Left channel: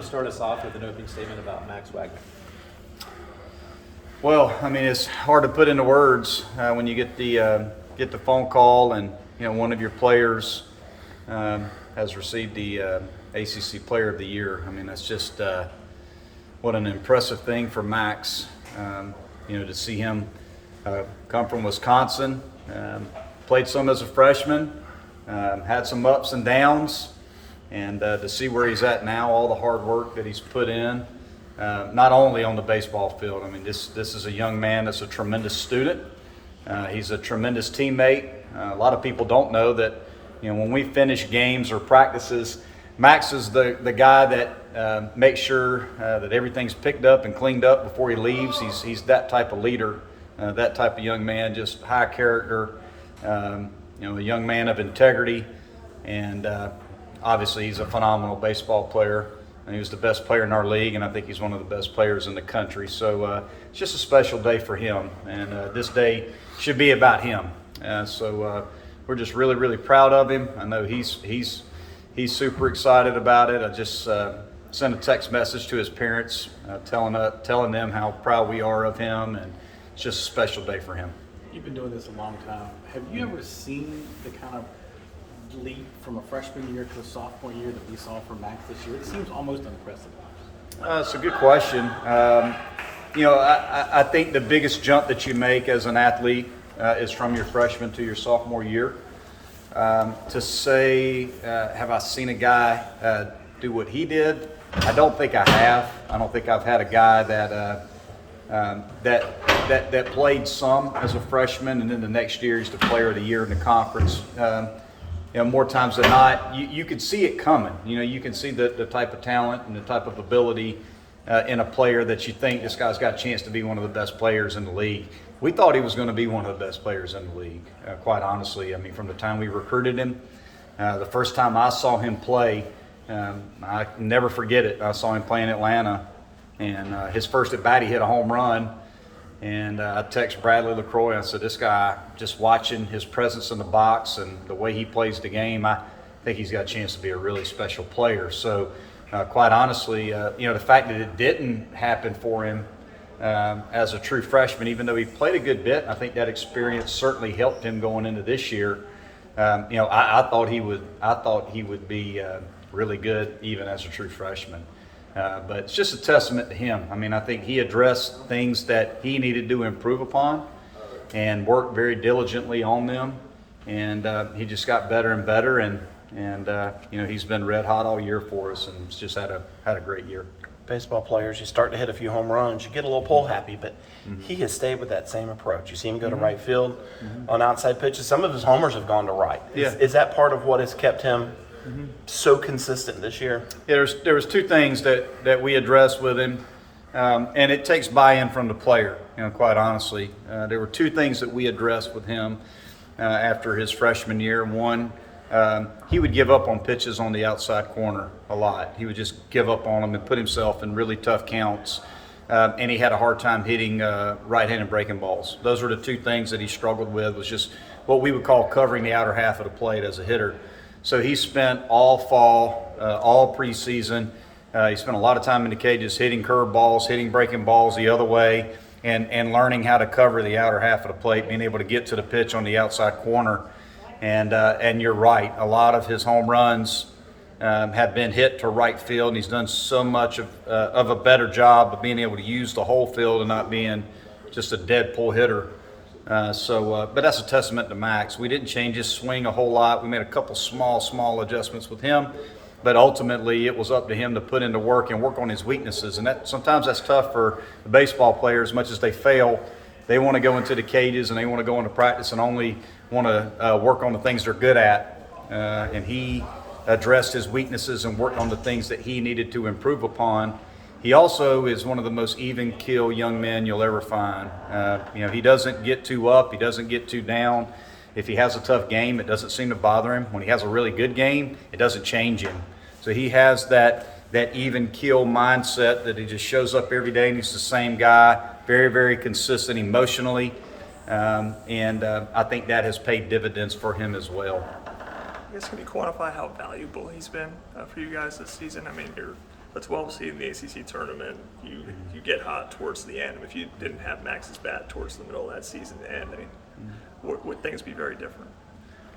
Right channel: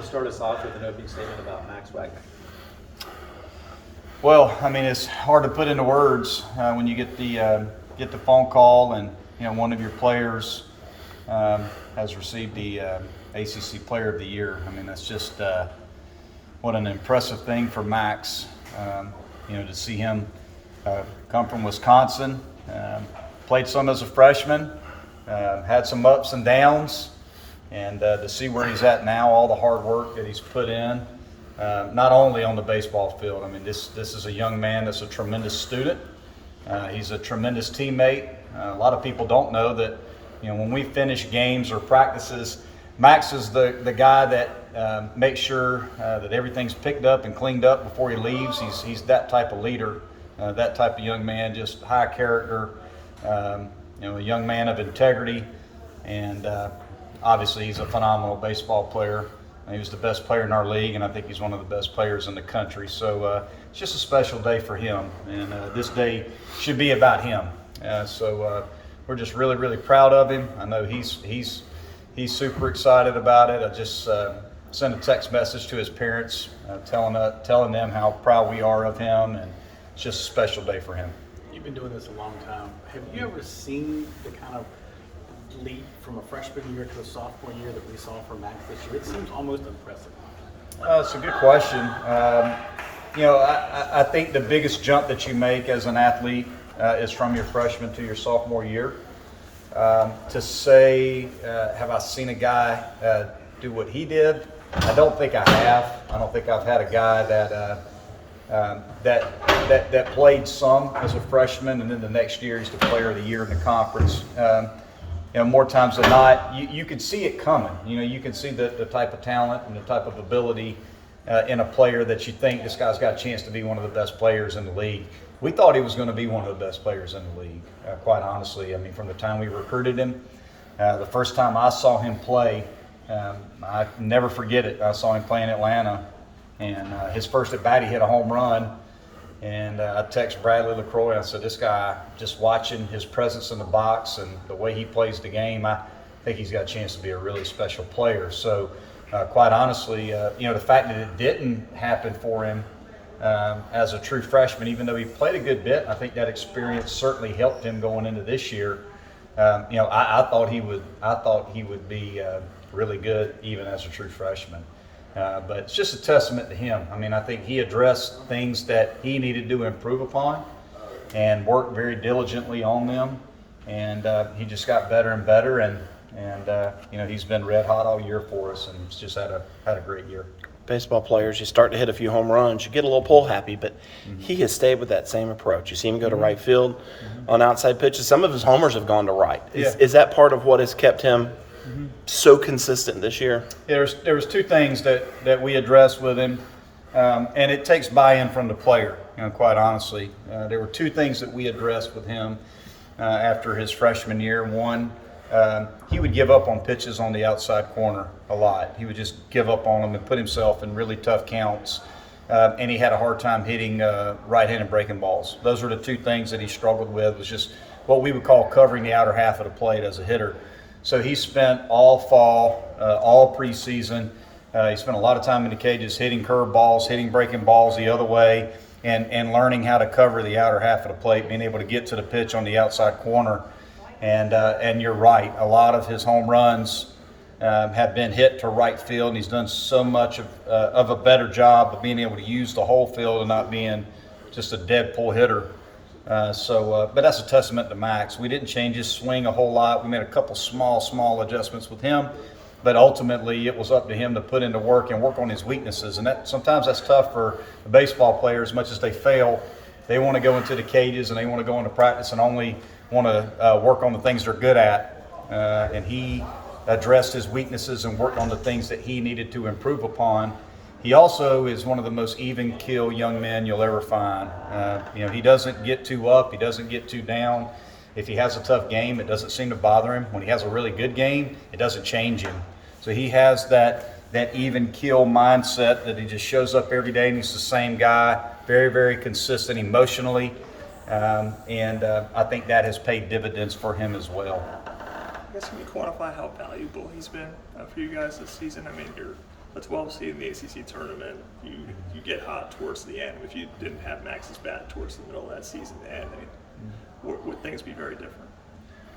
want to start us off with an opening statement about Max Wagner? Well, I mean, it's hard to put into words when you get the phone call and one of your players has received the ACC Player of the Year. I mean, that's just what an impressive thing for Max. To see him come from Wisconsin, played some as a freshman, had some ups and downs, and to see where he's at now, all the hard work that he's put in, not only on the baseball field. I mean, this is a young man that's a tremendous student. He's a tremendous teammate. A lot of people don't know that, when we finish games or practices, Max is the guy that makes sure that everything's picked up and cleaned up before he leaves. He's that type of leader, that type of young man, just high character, a young man of integrity, and obviously he's a phenomenal baseball player. He was the best player in our league, and I think he's one of the best players in the country. So it's just a special day for him, and this day should be about him. So we're just really, really proud of him. I know he's super excited about it. I just sent a text message to his parents telling them how proud we are of him, and it's just a special day for him. You've been doing this a long time. Have you ever seen the kind of leap from a freshman year to a sophomore year that we saw from Max this year? It seems almost unprecedented. It's a good question. I think the biggest jump that you make as an athlete is from your freshman to your sophomore year. To say, have I seen a guy do what he did? I don't think I have. I don't think I've had a guy that played some as a freshman, and then the next year he's the player of the year in the conference. More times than not, you can see it coming. You can see the type of talent and the type of ability in a player that you think this guy's got a chance to be one of the best players in the league. We thought he was going to be one of the best players in the league, quite honestly. I mean, from the time we recruited him, the first time I saw him play, I never forget it. I saw him play in Atlanta, and his first at bat, he hit a home run. And I texted Bradley LaCroix. I said, this guy, just watching his presence in the box and the way he plays the game, I think he's got a chance to be a really special player. So, quite honestly, the fact that it didn't happen for him as a true freshman, even though he played a good bit, I think that experience certainly helped him going into this year. I thought he would be really good even as a true freshman. But it's just a testament to him. I mean, I think he addressed things that he needed to improve upon and worked very diligently on them. And he just got better and better. And he's been red hot all year for us, and he's just had a great year. Baseball players, you start to hit a few home runs, you get a little pull happy, but he has stayed with that same approach. You see him go to right field on outside pitches. Some of his homers have gone to right. Is that part of what has kept him so consistent this year? There was two things that we addressed with him, and it takes buy-in from the player, quite honestly. There were two things that we addressed with him after his freshman year. One, he would give up on pitches on the outside corner a lot. He would just give up on them and put himself in really tough counts, and he had a hard time hitting right-handed breaking balls. Those were the two things that he struggled with, was just what we would call covering the outer half of the plate as a hitter. So he spent all fall, all preseason. He spent a lot of time in the cages hitting curve balls, hitting breaking balls the other way, and learning how to cover the outer half of the plate, being able to get to the pitch on the outside corner. And you're right, a lot of his home runs have been hit to right field, and he's done so much of a better job of being able to use the whole field and not being just a dead pull hitter. But that's a testament to Max. We didn't change his swing a whole lot. We made a couple small adjustments with him, but ultimately it was up to him to put into work and work on his weaknesses. And sometimes that's tough for the baseball player. As much as they fail, they want to go into the cages and they want to go into practice and only want to work on the things they're good at. And he addressed his weaknesses and worked on the things that he needed to improve upon. He also is one of the most even keel young men you'll ever find. He doesn't get too up. He doesn't get too down. If he has a tough game, it doesn't seem to bother him. When he has a really good game, it doesn't change him. So he has that even keel mindset that he just shows up every day and he's the same guy, very, very consistent emotionally. I think that has paid dividends for him as well. I guess can you quantify how valuable he's been for you guys this season? I mean, you're a 12 seed in the ACC tournament, you get hot towards the end. If you didn't have Max's bat towards the middle of that season to end, I mean, would things be very different?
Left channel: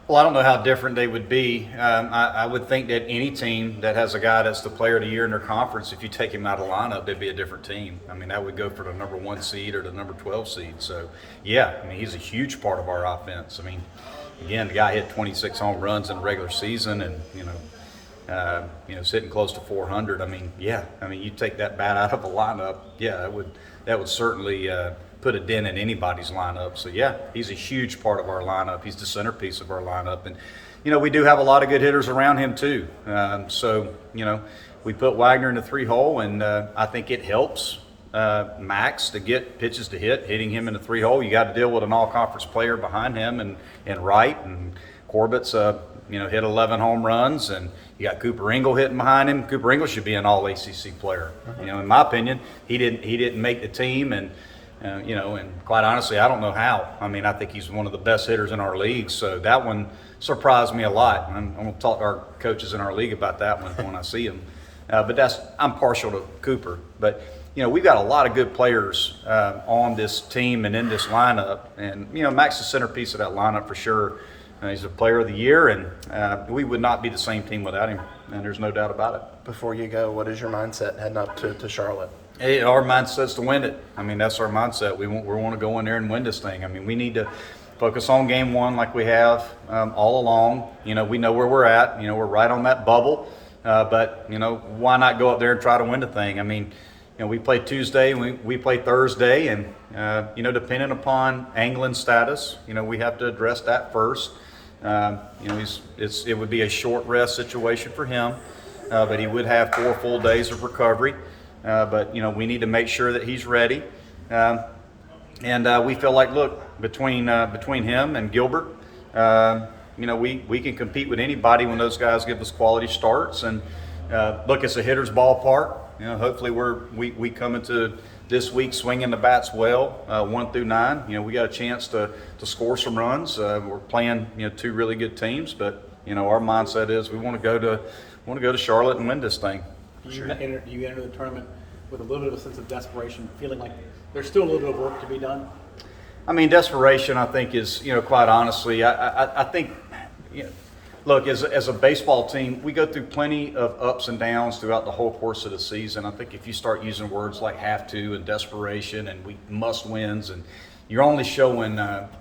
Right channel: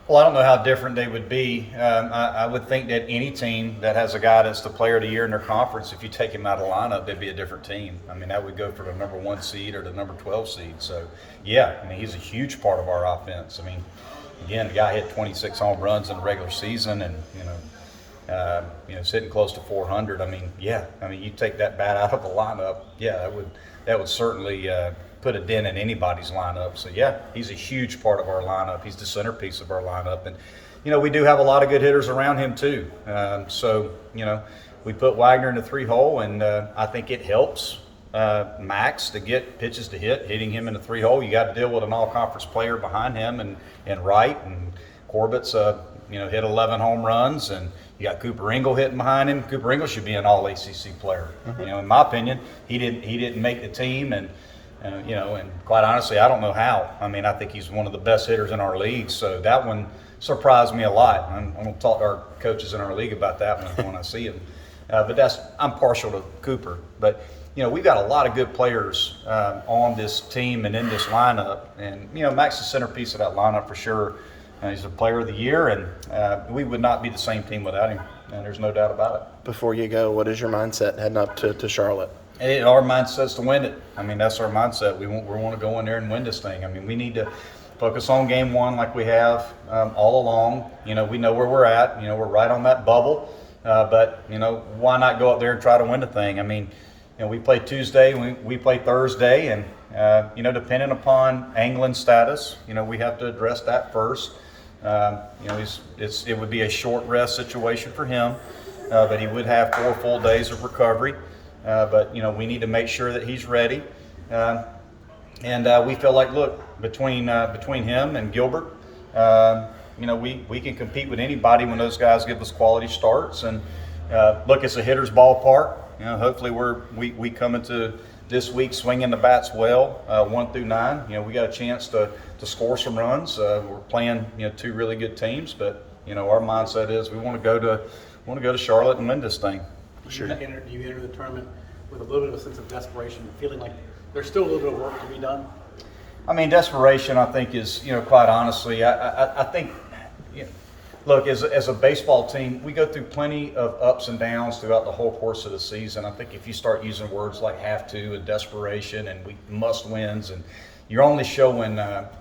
Well, I don't know how different they would be. I would think that any team that has a guy that's the player of the year in their conference, if you take him out of the lineup, they'd be a different team. I mean, that would go for the number 1 seed or the number 12 seed. So, yeah, I mean, he's a huge part of our offense. I mean, again, the guy hit 26 home runs in the regular season and, sitting close to 400. I mean, yeah, I mean, you take that bat out of the lineup, yeah, that would certainly put a dent in anybody's lineup. So, yeah, he's a huge part of our lineup. He's the centerpiece of our lineup. And, we do have a lot of good hitters around him too. We put Wagner in the 3-hole, and I think it helps Max to get pitches to hitting him in the 3-hole. You got to deal with an all-conference player behind him and Wright, and Corbett's hit 11 home runs, and you got Cooper Ingle hitting behind him. Cooper Ingle should be an all-ACC player. In my opinion, he didn't make the team, and quite honestly, I don't know how. I mean, I think he's one of the best hitters in our league, so that one surprised me a lot. I'm going to talk to our coaches in our league about that one when I see him. But I'm partial to Cooper. But, we've got a lot of good players on this team and in this lineup. And, Max is the centerpiece of that lineup for sure. He's a player of the year, and we would not be the same team without him, and there's no doubt about it. Before you go, what is your mindset heading up to Charlotte? Hey, our mindset's to win it. I mean, that's our mindset. We want to go in there and win this thing. I mean, we need to focus on game one like we have all along. We know where we're at. We're right on that bubble. But why not go up there and try to win the thing? I mean, we play Tuesday, we play Thursday, and depending upon Anglin's status, we have to address that first. It would be a short rest situation for him, but he would have 4 full days of recovery. But we need to make sure that he's ready, and we feel like, look, between him and Gilbert, we can compete with anybody when those guys give us quality starts. And look, it's a hitter's ballpark. Hopefully we come into this week swinging the bats well, 1 through 9. We got a chance to score some runs. We're playing 2 really good teams, but our mindset is we want to go to Charlotte and win this thing. You enter the tournament with a little bit of a sense of desperation, feeling like there's still a little bit of work to be done? I mean, desperation, I think, is, quite honestly, I think, look, as a baseball team, we go through plenty of ups and downs throughout the whole course of the season. I think if you start using words like have to and desperation and we must wins, and you're only showing,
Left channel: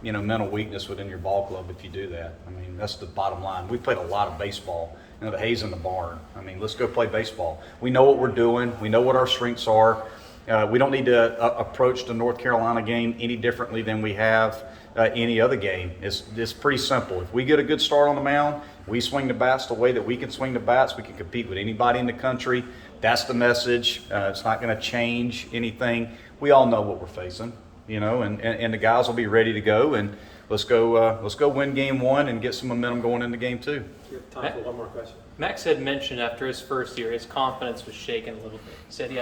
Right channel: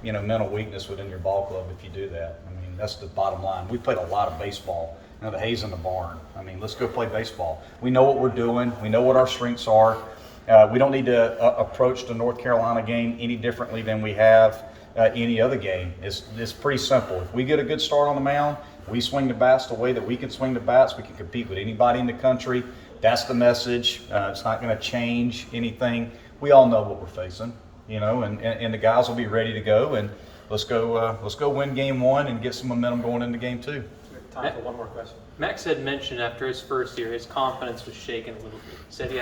mental weakness within your ball club if you do that. I mean, that's the bottom line. We played a lot of baseball. The hay's in the barn. I mean, let's go play baseball. We know what we're doing. We know what our strengths are. We don't need to approach the North Carolina game any differently than we have any other game. It's pretty simple. If we get a good start on the mound, we swing the bats the way that we can swing the bats. We can compete with anybody in the country. That's the message. It's not going to change anything. We all know what we're facing, and the guys will be ready to go. And let's go win game 1 and get some momentum going into game 2. Time for one more question. Max had mentioned after his first year, his confidence was shaken a little bit. Said he had